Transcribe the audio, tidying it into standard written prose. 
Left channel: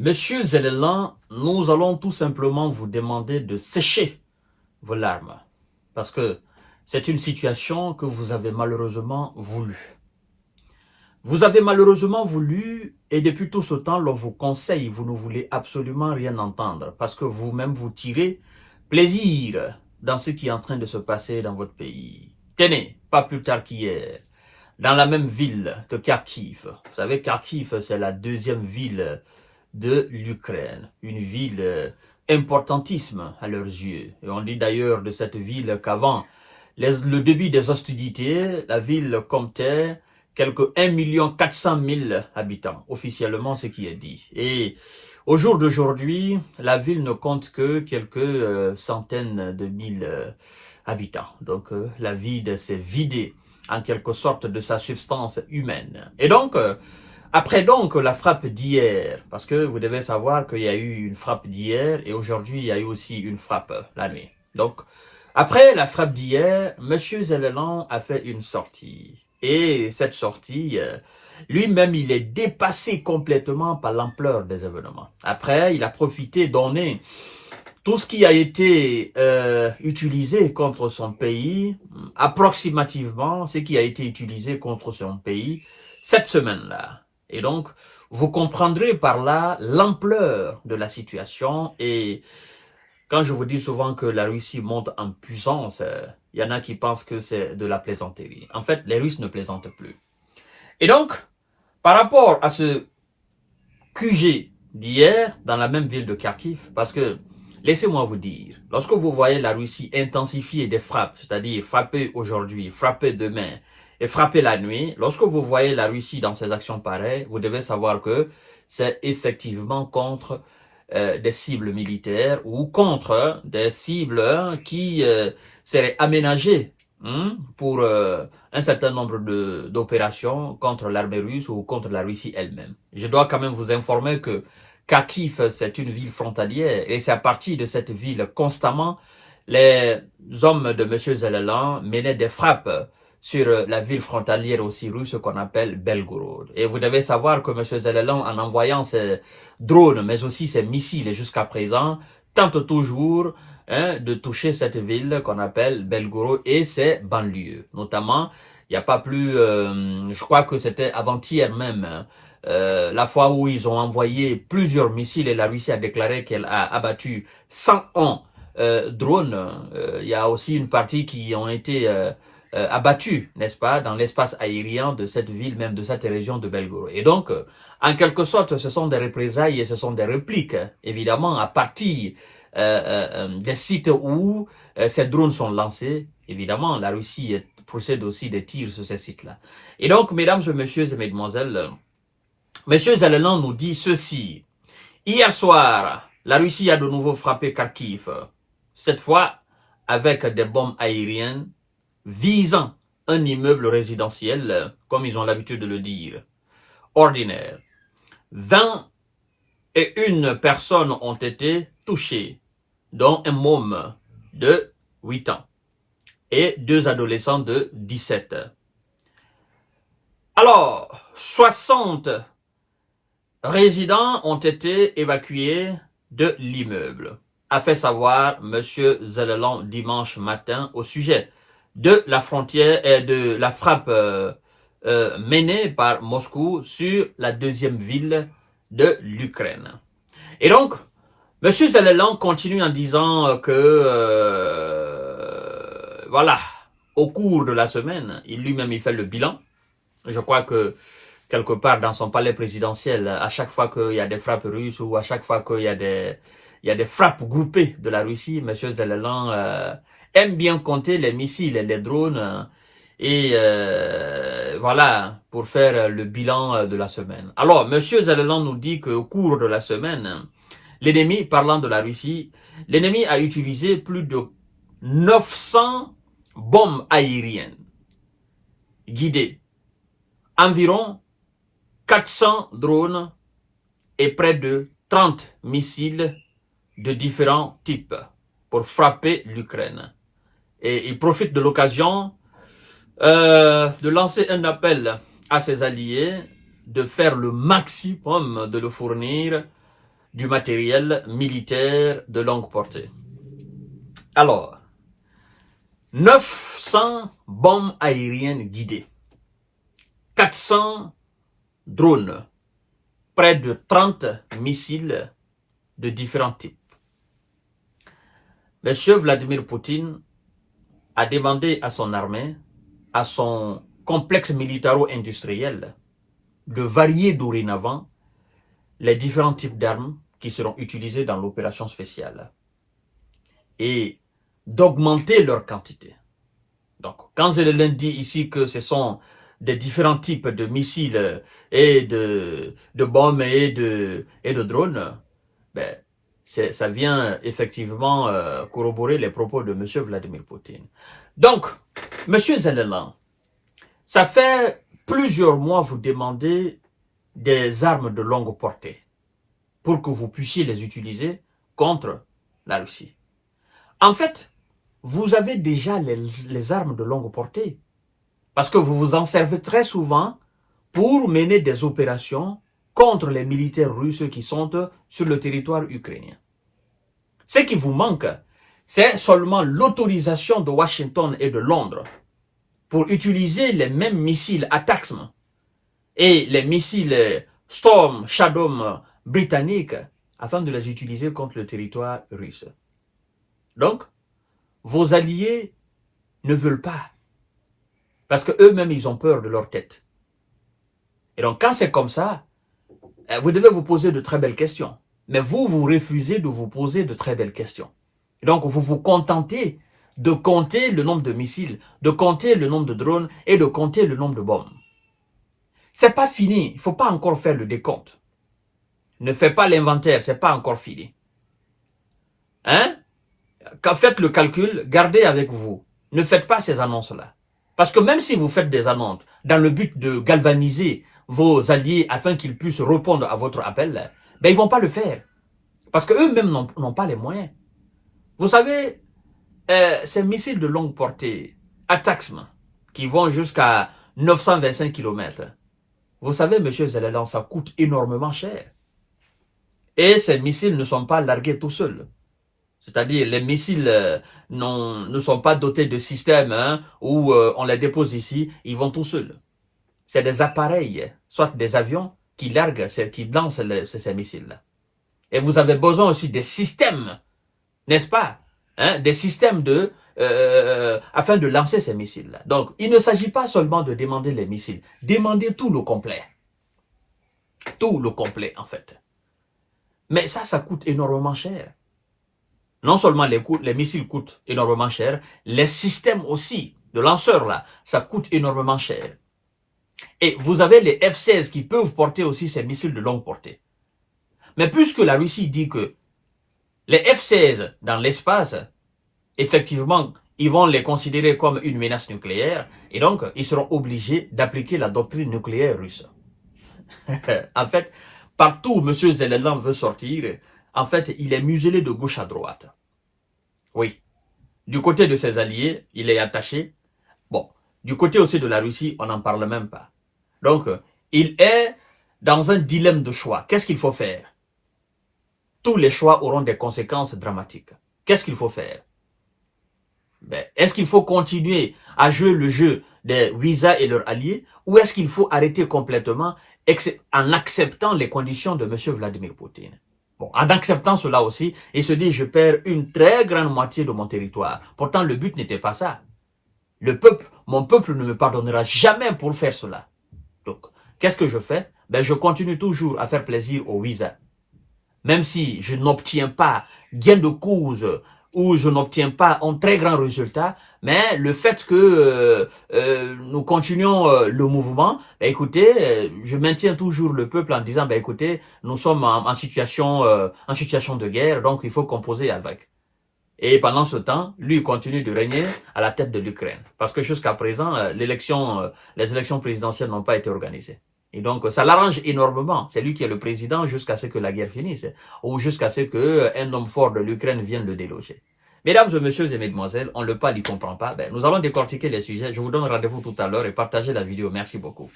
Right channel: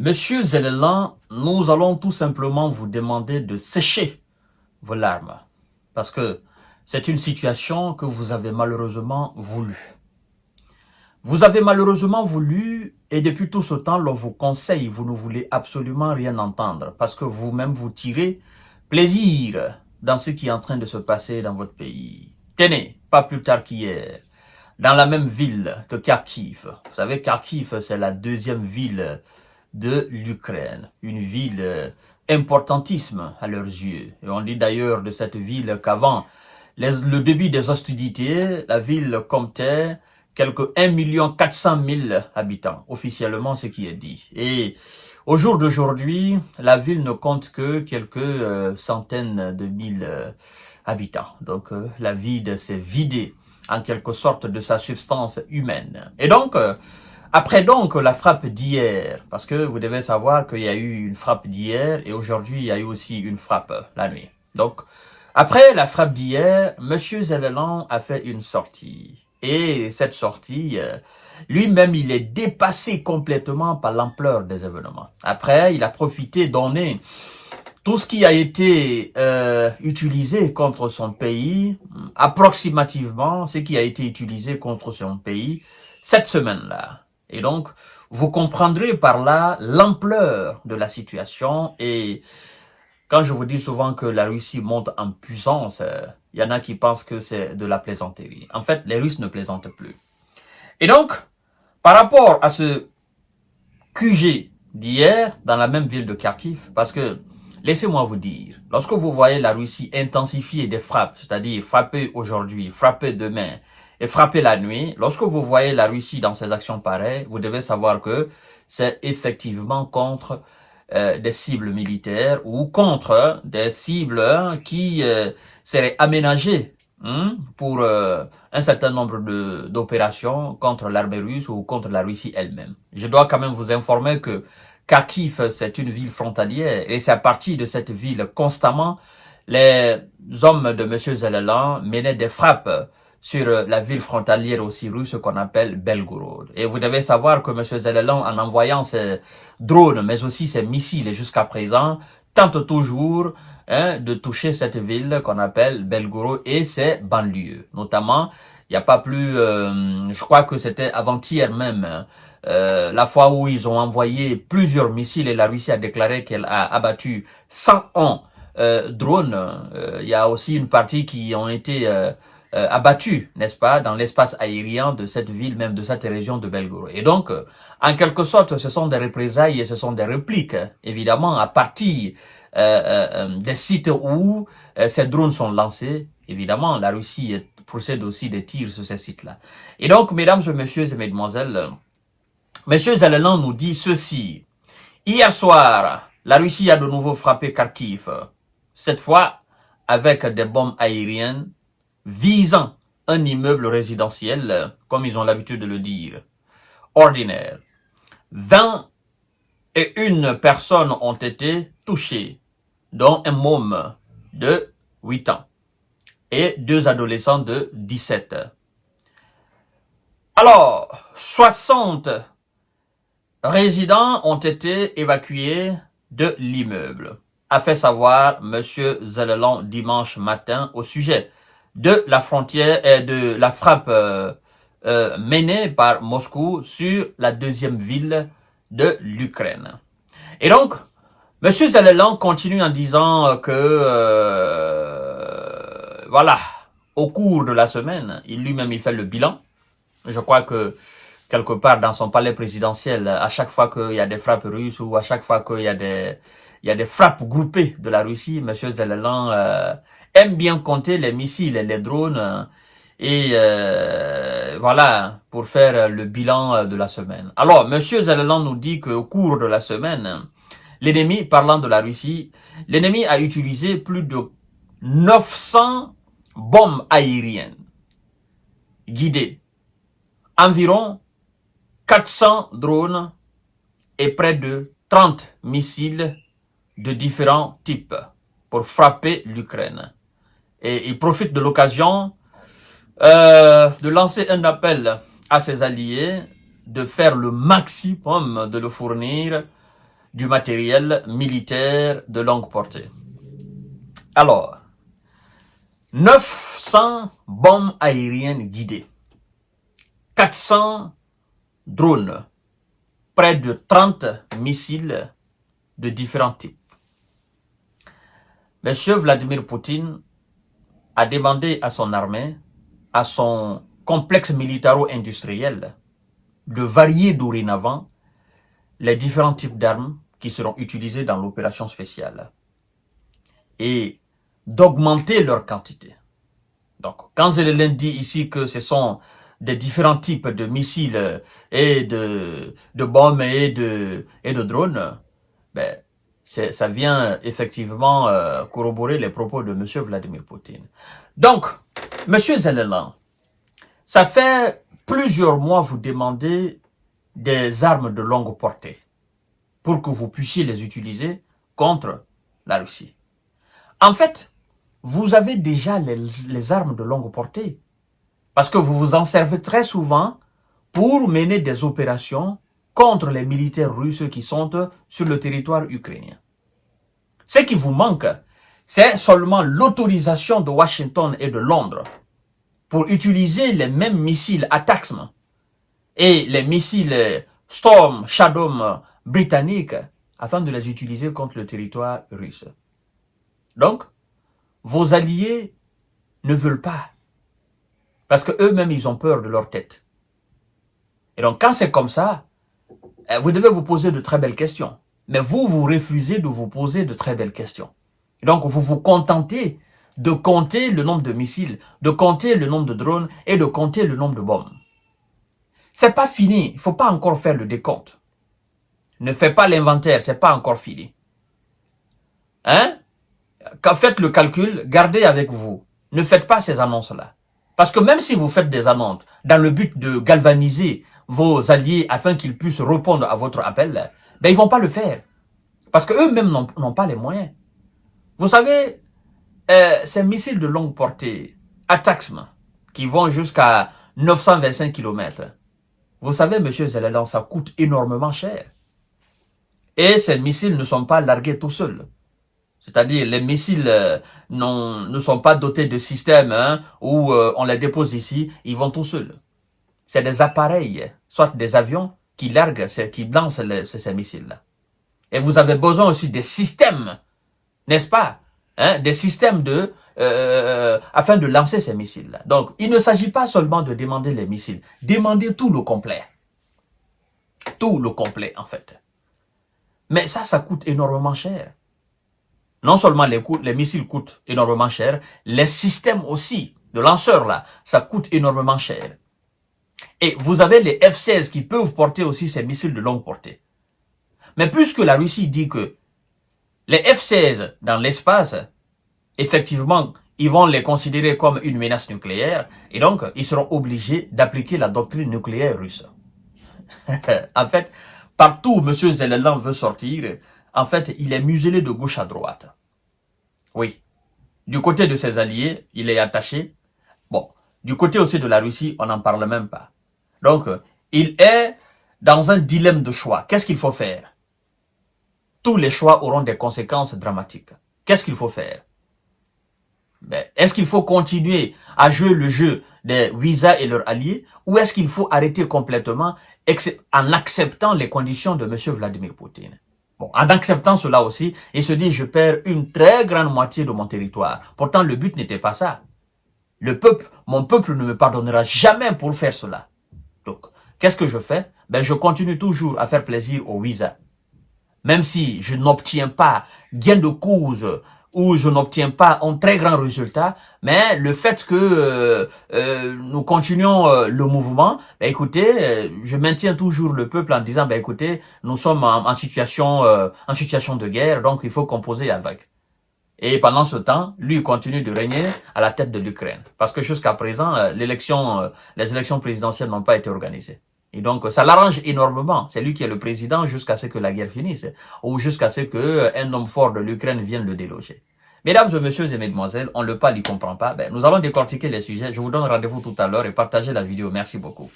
Monsieur Zelensky, nous allons tout simplement vous demander de sécher vos larmes. Parce que c'est une situation que vous avez malheureusement voulu. Vous avez malheureusement voulu, et depuis tout ce temps, l'on vous conseille, vous ne voulez absolument rien entendre. Parce que vous-même, vous tirez plaisir dans ce qui est en train de se passer dans votre pays. Tenez, pas plus tard qu'hier, dans la même ville de Kharkiv. Vous savez, Kharkiv, c'est la deuxième ville de l'Ukraine, une ville importantissime à leurs yeux. Et on dit d'ailleurs de cette ville qu'avant le début des hostilités, la ville comptait quelques 1 400 000 habitants, officiellement ce qui est dit. Et au jour d'aujourd'hui, la ville ne compte que quelques centaines de mille habitants. Donc la ville s'est vidée en quelque sorte de sa substance humaine. Et donc, après donc la frappe d'hier, parce que vous devez savoir qu'il y a eu une frappe d'hier et aujourd'hui il y a eu aussi une frappe la nuit. Donc, après la frappe d'hier, Monsieur Zelensky a fait une sortie. Et cette sortie, lui-même, il est dépassé complètement par l'ampleur des événements. Après, il a profité donner tout ce qui a été utilisé contre son pays, approximativement ce qui a été utilisé contre son pays cette semaine-là. Et donc, vous comprendrez par là l'ampleur de la situation. Et quand je vous dis souvent que la Russie monte en puissance, il y en a qui pensent que c'est de la plaisanterie. En fait, les Russes ne plaisantent plus. Et donc, par rapport à ce QG d'hier, dans la même ville de Kharkiv, parce que, laissez-moi vous dire, lorsque vous voyez la Russie intensifier des frappes, c'est-à-dire frapper aujourd'hui, frapper demain, et frapper la nuit, lorsque vous voyez la Russie dans ses actions pareilles, vous devez savoir que c'est effectivement contre des cibles militaires ou contre des cibles qui seraient aménagées pour un certain nombre d'opérations contre l'armée russe ou contre la Russie elle-même. Je dois quand même vous informer que Kharkiv, c'est une ville frontalière et c'est à partir de cette ville constamment les hommes de M. Zelensky menaient des frappes sur la ville frontalière aussi russe qu'on appelle Belgorod. Et vous devez savoir que M. Zelensky, en envoyant ses drones, mais aussi ses missiles jusqu'à présent, tente toujours de toucher cette ville qu'on appelle Belgorod et ses banlieues. Notamment, il n'y a pas plus, je crois que c'était avant-hier même, la fois où ils ont envoyé plusieurs missiles et la Russie a déclaré qu'elle a abattu 101 drones. Il y a aussi une partie qui ont été abattus, n'est-ce pas, dans l'espace aérien de cette ville, même de cette région de Belgorod. Et donc, en quelque sorte, ce sont des représailles et ce sont des répliques, évidemment, à partir des sites où ces drones sont lancés. Évidemment, la Russie procède aussi des tirs sur ces sites-là. Et donc, mesdames et messieurs et mesdemoiselles, Monsieur Zelensky nous dit ceci. Hier soir, la Russie a de nouveau frappé Kharkiv, cette fois avec des bombes aériennes visant un immeuble résidentiel, comme ils ont l'habitude de le dire, ordinaire. 21 personnes ont été touchées, dont un môme de 8 ans et 2 adolescents de 17. Alors, 60 résidents ont été évacués de l'immeuble, a fait savoir M. Zelensky dimanche matin au sujet de la frontière et de la frappe menée par Moscou sur la deuxième ville de l'Ukraine. Et donc, M. Zelensky continue en disant que, voilà, au cours de la semaine, lui-même il fait le bilan. Je crois que quelque part dans son palais présidentiel, à chaque fois qu'il y a des frappes russes ou à chaque fois qu'il y a des frappes groupées de la Russie, M. Zelensky aime bien compter les missiles et les drones et voilà, pour faire le bilan de la semaine. Alors, M. Zelensky nous dit qu'au cours de la semaine, l'ennemi, parlant de la Russie, l'ennemi a utilisé plus de 900 bombes aériennes guidées, environ 400 drones et près de 30 missiles de différents types pour frapper l'Ukraine. Et il profite de l'occasion de lancer un appel à ses alliés de faire le maximum de le fournir du matériel militaire de longue portée. Alors, 900 bombes aériennes guidées, 400 drones, près de 30 missiles de différents types. Monsieur Vladimir Poutine a demandé à son armée, à son complexe militaro-industriel, de varier dorénavant les différents types d'armes qui seront utilisées dans l'opération spéciale et d'augmenter leur quantité. Donc, quand je l'indique ici que ce sont des différents types de missiles et de bombes et de drones, ben, ça vient effectivement corroborer les propos de M. Vladimir Poutine. Donc, M. Zelensky, ça fait plusieurs mois vous demandez des armes de longue portée pour que vous puissiez les utiliser contre la Russie. En fait, vous avez déjà les armes de longue portée parce que vous vous en servez très souvent pour mener des opérations contre les militaires russes qui sont sur le territoire ukrainien. Ce qui vous manque, c'est seulement l'autorisation de Washington et de Londres pour utiliser les mêmes missiles ATACMS et les missiles Storm Shadow britanniques afin de les utiliser contre le territoire russe. Donc, vos alliés ne veulent pas parce qu'eux-mêmes, ils ont peur de leur tête. Et donc, quand c'est comme ça, vous devez vous poser de très belles questions. Mais vous refusez de vous poser de très belles questions. Et donc, vous vous contentez de compter le nombre de missiles, de compter le nombre de drones et de compter le nombre de bombes. C'est pas fini. Il ne faut pas encore faire le décompte. Ne faites pas l'inventaire, c'est pas encore fini. Hein? Quand faites le calcul, gardez avec vous. Ne faites pas ces annonces-là. Parce que même si vous faites des annonces dans le but de galvaniser vos alliés afin qu'ils puissent répondre à votre appel, ben ils vont pas le faire. Parce qu'eux-mêmes n'ont pas les moyens. Vous savez, ces missiles de longue portée, ATACMS, qui vont jusqu'à 925 km, vous savez, M. Zelensky, ça coûte énormément cher. Et ces missiles ne sont pas largués tout seuls. C'est-à-dire, les missiles ne sont pas dotés de systèmes où on les dépose ici, ils vont tout seuls. C'est des appareils, soit des avions, qui larguent, qui lancent ces missiles-là. Et vous avez besoin aussi des systèmes, n'est-ce pas, des systèmes afin de lancer ces missiles-là. Donc, il ne s'agit pas seulement de demander les missiles, demandez tout le complet. Tout le complet, en fait. Mais ça coûte énormément cher. Non seulement les missiles coûtent énormément cher, les systèmes aussi de lanceurs là, ça coûte énormément cher. Et vous avez les F-16 qui peuvent porter aussi ces missiles de longue portée. Mais puisque la Russie dit que les F-16 dans l'espace, effectivement, ils vont les considérer comme une menace nucléaire, et donc ils seront obligés d'appliquer la doctrine nucléaire russe. En fait, partout où M. Zelensky veut sortir, en fait, il est muselé de gauche à droite. Oui. Du côté de ses alliés, il est attaché. Bon, du côté aussi de la Russie, on n'en parle même pas. Donc, il est dans un dilemme de choix. Qu'est-ce qu'il faut faire? Tous les choix auront des conséquences dramatiques. Qu'est-ce qu'il faut faire? Ben, est-ce qu'il faut continuer à jouer le jeu des Ouïsa et leurs alliés, ou est-ce qu'il faut arrêter complètement en acceptant les conditions de M. Vladimir Poutine? Bon, en acceptant cela aussi, il se dit, je perds une très grande moitié de mon territoire. Pourtant, le but n'était pas ça. Mon peuple ne me pardonnera jamais pour faire cela. Donc, qu'est-ce que je fais? Ben, je continue toujours à faire plaisir aux Ouïsa. Même si je n'obtiens pas gain de cause ou je n'obtiens pas un très grand résultat, mais le fait que nous continuons le mouvement, ben écoutez, je maintiens toujours le peuple en disant, ben écoutez, nous sommes en situation de guerre, donc il faut composer avec. Et pendant ce temps, lui il continue de régner à la tête de l'Ukraine, parce que jusqu'à présent, les élections présidentielles n'ont pas été organisées. Et donc, ça l'arrange énormément. C'est lui qui est le président jusqu'à ce que la guerre finisse, ou jusqu'à ce qu'un homme fort de l'Ukraine vienne le déloger. Mesdames et messieurs et mesdemoiselles, on le parle, il ne comprend pas. Ben, nous allons décortiquer les sujets. Je vous donne rendez-vous tout à l'heure et partagez la vidéo. Merci beaucoup.